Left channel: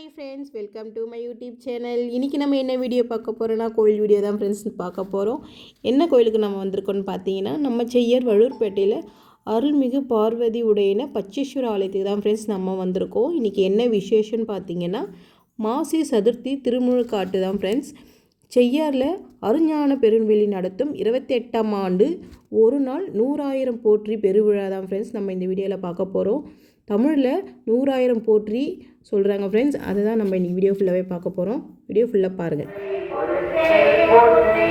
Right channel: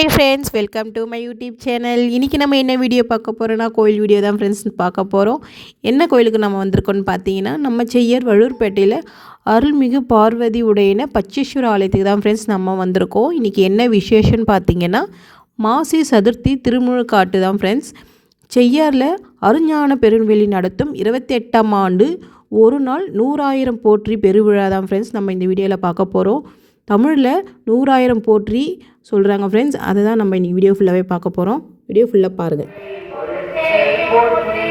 Hi friends welcome to my YouTube channel இன்றைக்கி நம்ம என்ன வீடியோ பார்க்க போகிறோன்னா கோயில் வீடியோ தான் ஃப்ரெண்ட்ஸ் பார்க்க போகிறோம் என்ன கோயிலுக்கு நம்ம வந்திருக்கோம்னு பார்த்தீங்கன்னா நம்ம செய்யர் வள்ளூர்பேட்டையில் அருள்மிகு பார்வதி உடையின பச்சேஸ்வர ஆலயத்துக்கு தான் ஃப்ரெண்ட்ஸ் நம்ம வந்திருக்கோம். இன்றைக்கி என்ன விசேஷம்னு பார்த்தீங்கன்னா மாசி சதுர்த்தி திருமுழுக்காட்டு தான் ஃப்ரெண்ட்ஸ் செய்யாரில் அருஞான பெருவெளி நடத்தும் இருபத்தி எட்டாம் ஆண்டு ஒரு நாள் நூறாயிரம் போற்றி பெருவிழா தான் ஃப்ரெண்ட்ஸ் நம்ம இந்த வீடியோவில் பார்க்க போகிறோம் தமிழில் நூறாயிரம் போற்றி சொல்கிறாங்க ஃப்ரெண்ட்ஸ் அதை தான் நம்ம இன்றைக்கி வீடியோ ஃபுல்லாகவே பார்க்க போகிறோம் வீடியோ ஃபுல்லாக பாருங்கள் போற்றி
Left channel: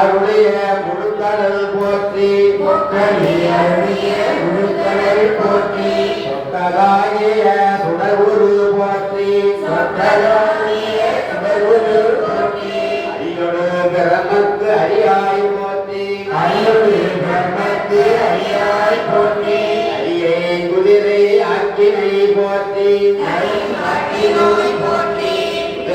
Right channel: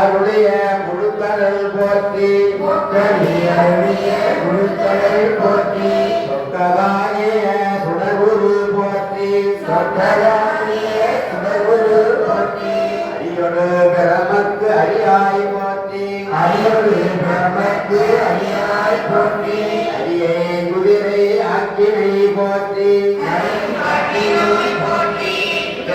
அருளிய முழுக்கடல் போற்றி. முக்கணி அருளிய முழுக்கடல் போற்றி. சொக்கதாகிய சுடகுரு போற்றி. சொக்கதாகிய சுடகுரு போற்றி. அரியொரு பிரமக்கு அரியாய் போற்றி. அரியொரு பிரமக்கு போற்றி. குதிரை ஆக்கினை போற்றி. போற்றி.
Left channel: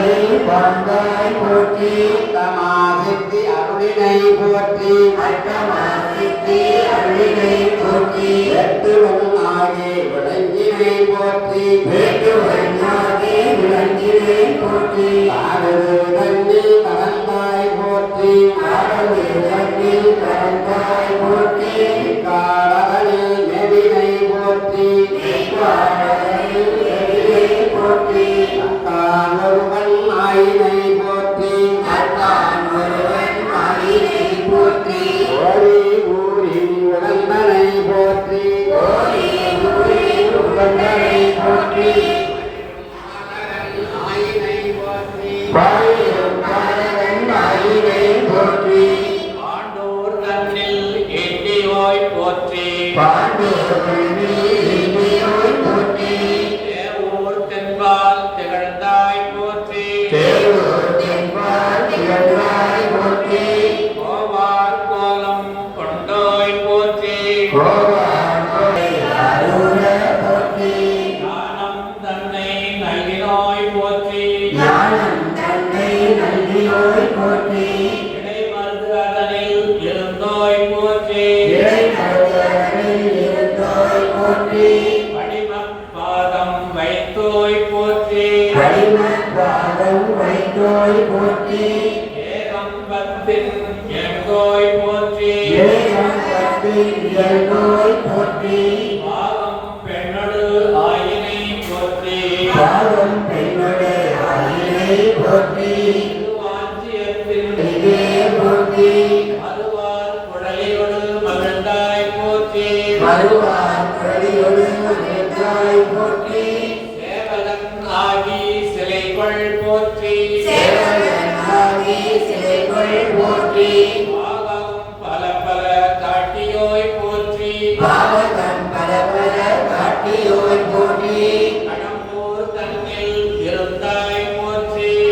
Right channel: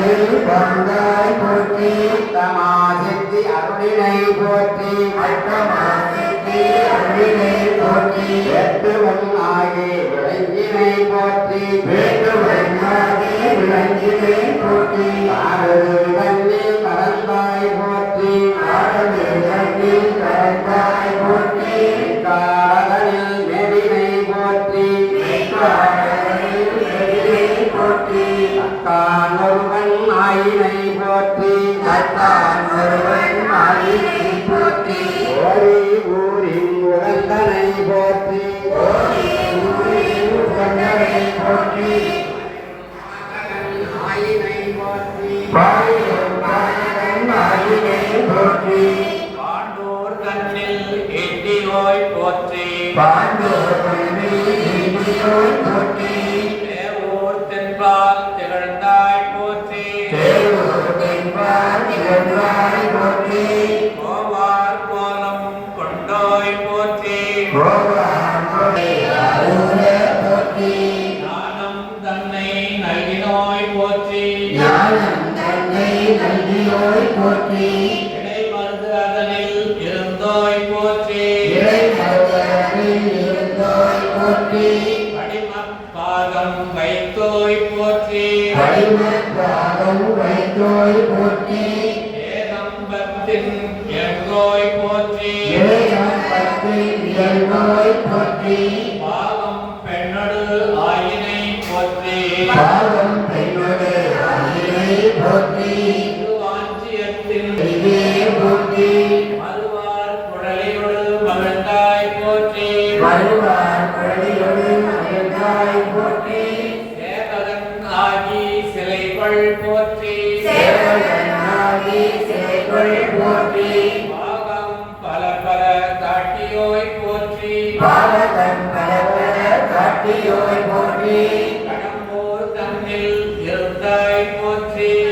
சிந்தையை கொண்டாய் போற்றி தமா சித்தி அருளினை போற்றி அட்டமா சித்தி அருளினை போற்றி எட்டுவன் ஆகி விளங்கினை போற்றி வேட்டுவன் ஆகி விளங்கினை போற்றி ஆறு போற்றி அத்தான் ஒருவன் அடியை போற்றி. ஓரி ஊரின் உடந்தனை போற்றி. ஓரி ஊரின் Lord, for me,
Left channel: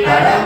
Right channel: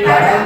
கடந்த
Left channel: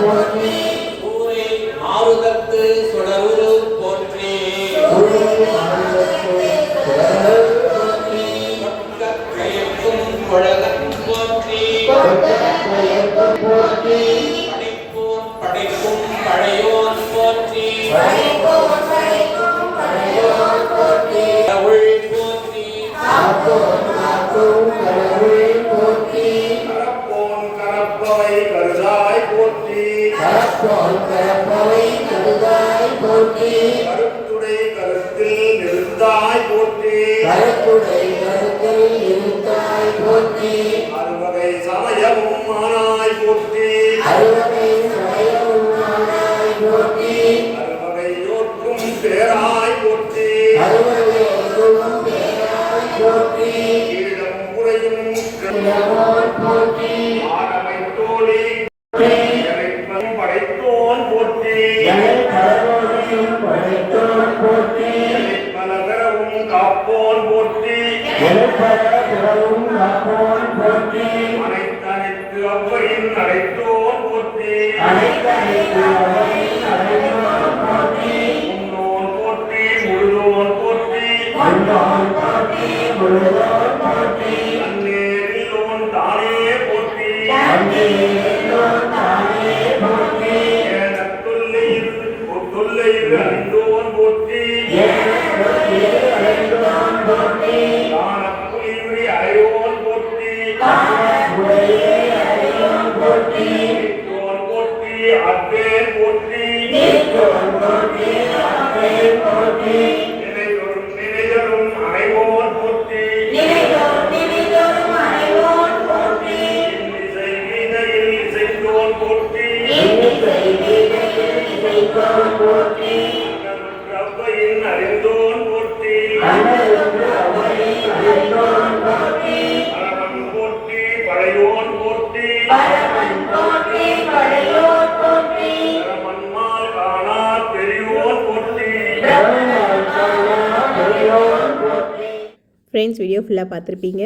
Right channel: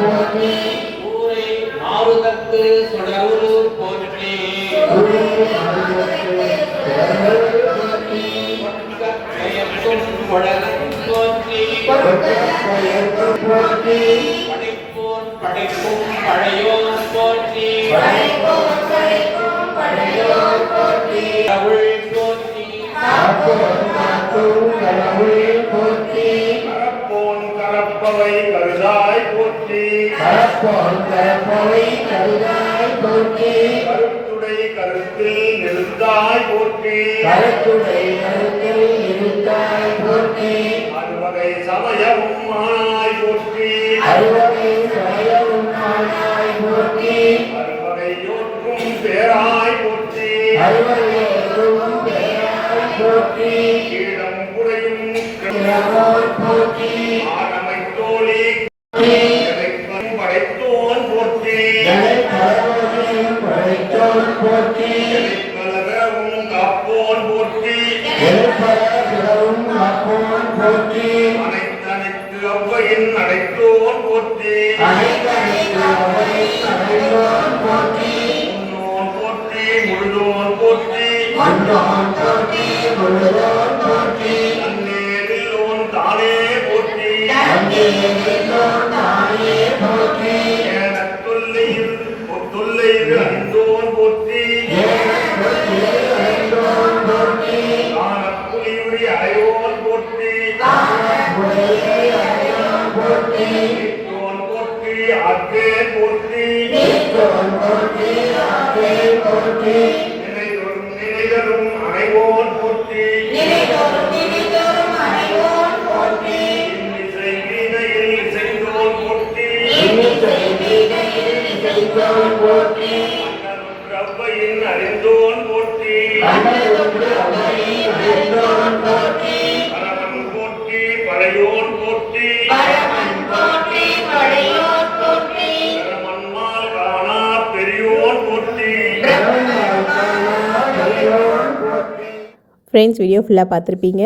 போற்றி ஊரை ஆறுதத்து சுடரூர் போற்றி கரப்போல் கரப்பவை கருதாய் போற்றி. கருத்துடை கருத்தில் நெருந்தாய் போற்றி. கரத்துடை போற்றி அனைத்தனைத்து அத்தே போற்றி. நீத்தோன் போற்றி. நினைதரும் நினைதரும் போற்றி. நினைதோறும் ஃப்ரெண்ட்ஸ் வீடியோ ஃபுல்லாக பார்த்துருப்பீங்க.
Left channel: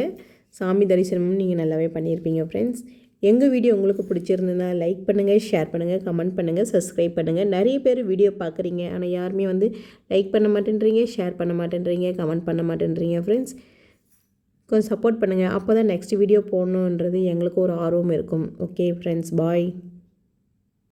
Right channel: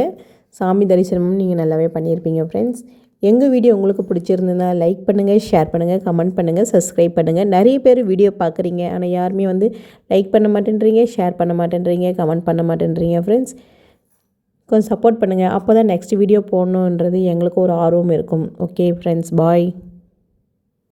சாமி தரிசனமும் நீங்கள் நல்லாவே பண்ணியிருப்பீங்க ஃப்ரெண்ட்ஸ் எங்கள் வீடியோ உங்களுக்கு பிடிச்சிருந்ததுன்னா லைக் பண்ணுங்கள் ஷேர் பண்ணுங்கள் கமெண்ட் பண்ணுங்கள் சப்ஸ்கிரைப் பண்ணுங்கள் நிறைய பேர் வீடியோ பார்க்குறீங்க. ஆனால் யாருமே வந்து லைக் பண்ண மாட்டேன்றீங்க ஷேர் பண்ண மாட்டேன்றீங்க கமெண்ட் பண்ண மாட்டேன்றீங்க ஃப்ரெண்ட்ஸ் கொஞ்சம் சப்போர்ட் பண்ணுங்கள் அப்போ தான் நெக்ஸ்ட் வீடியோ போடணுன்றது எங்களுக்கு ஒரு ஆர்வம் இருக்கும். Okay friends bye